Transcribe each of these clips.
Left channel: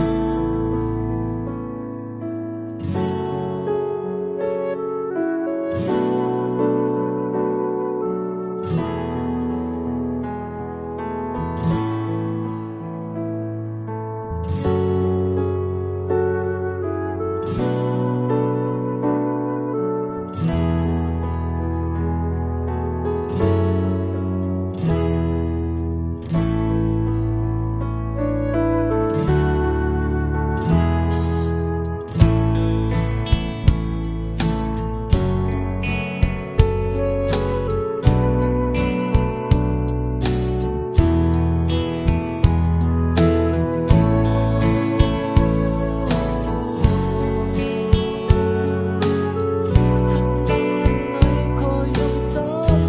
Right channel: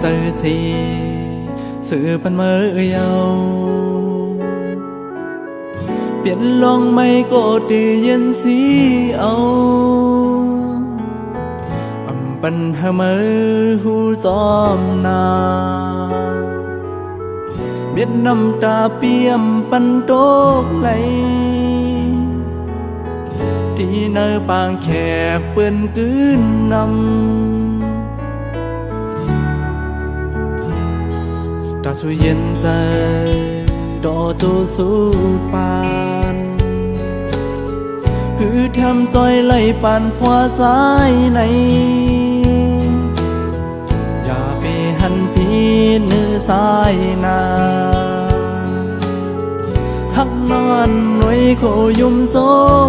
សូវស៊ីសើប៉ាន់មើយោเปลี่ยนลองไม่ก็ดีเย็นสีเอาอำปันเมือหูจอมนาเบียนน้ำตาเปี่ยมปันโตไหลที่เนอปางแขกเปื้อนกืนนำ คือทำซอยไหลปานพวสายในอย่าไปหันพีนื้อสายนาทักนอนไว้โคยุมโส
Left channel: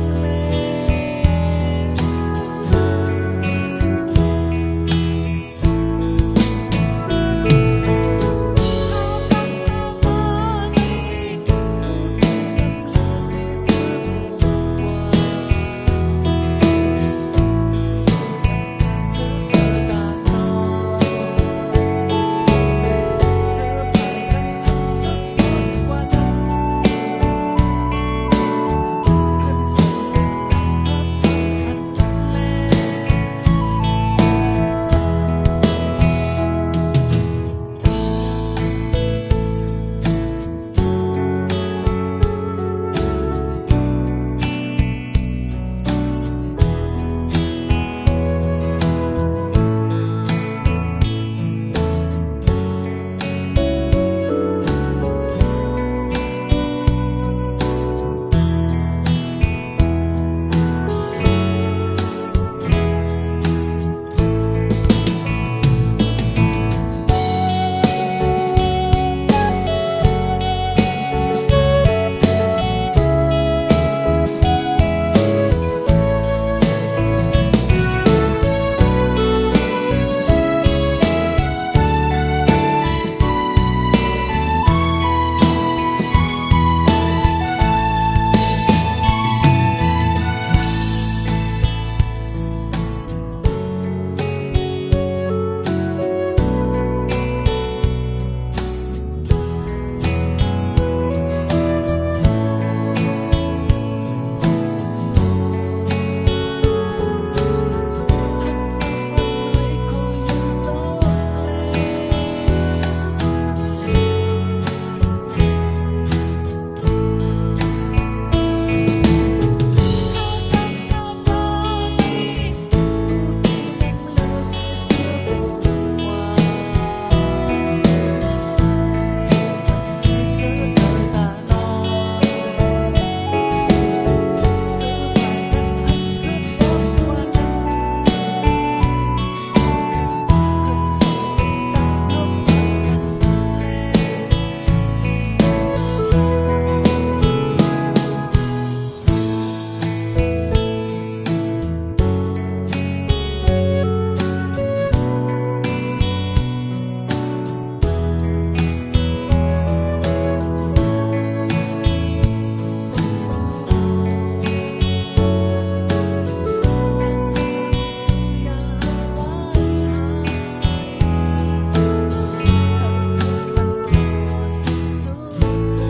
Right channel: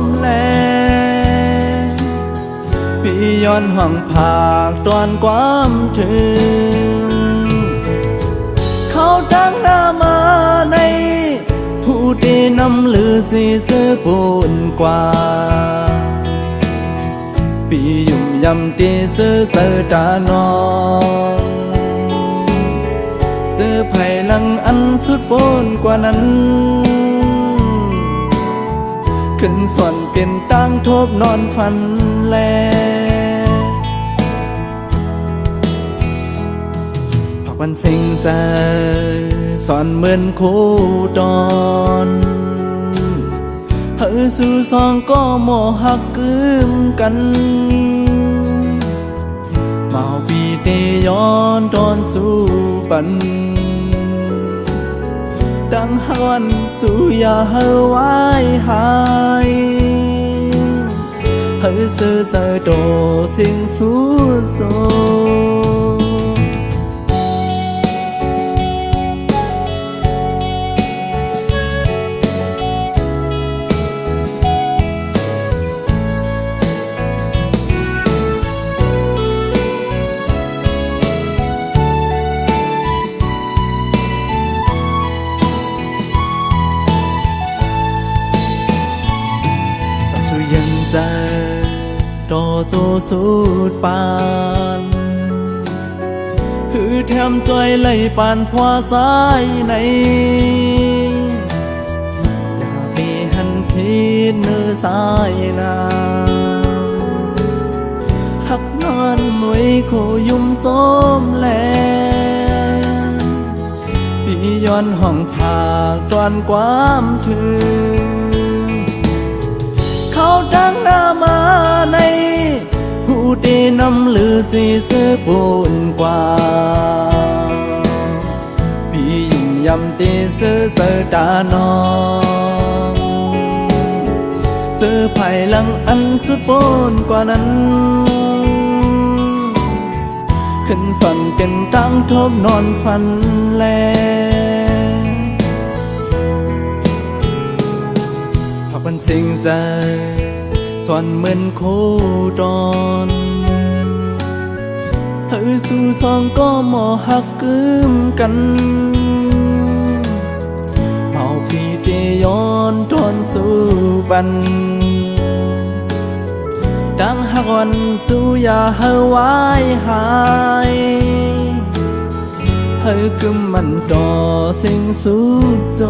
มแลพี่ย้อนห้องผากตอนควาำตีซื้อเสือตานองเสื้อไผ่ลังอันสุดโปนกว่านั้น ขึ้นส่วนเป็นตั้งทบนอนฝันแลพักวันสิงใจสอนเหมือนคู่ดอนเฮอสู่สองก็โมหักกึ่งกัน ย้อนตอนสู่บัน ดังฮอนสู่ยาเฮอไว้หายหา โตโซสูดปานคือแถมจอยไหลปานพวสายในมีหันพีเนื้อสายนาหักนอนไว้โคยุมโสมแลพี่ย้อนห้องผากก่อนความถึ สีเสื้อปูนกว่าพี่ยิ่งยำตีเสื้อเสือตานองเสื้อไผ่ลังอันสุดปูนกว่านั้น ขึ้นส่อนเป็นตั้งทบนอนฝันแลพักบันสิงใจสอนเหมือนโค องก็หมอหักกึ่มกันเอาพี่เตย้อนทนสู่บันดังหักวันสู่อย่าเฮาไว้หายเฮาคือมันต่อสิ่งสุดโจ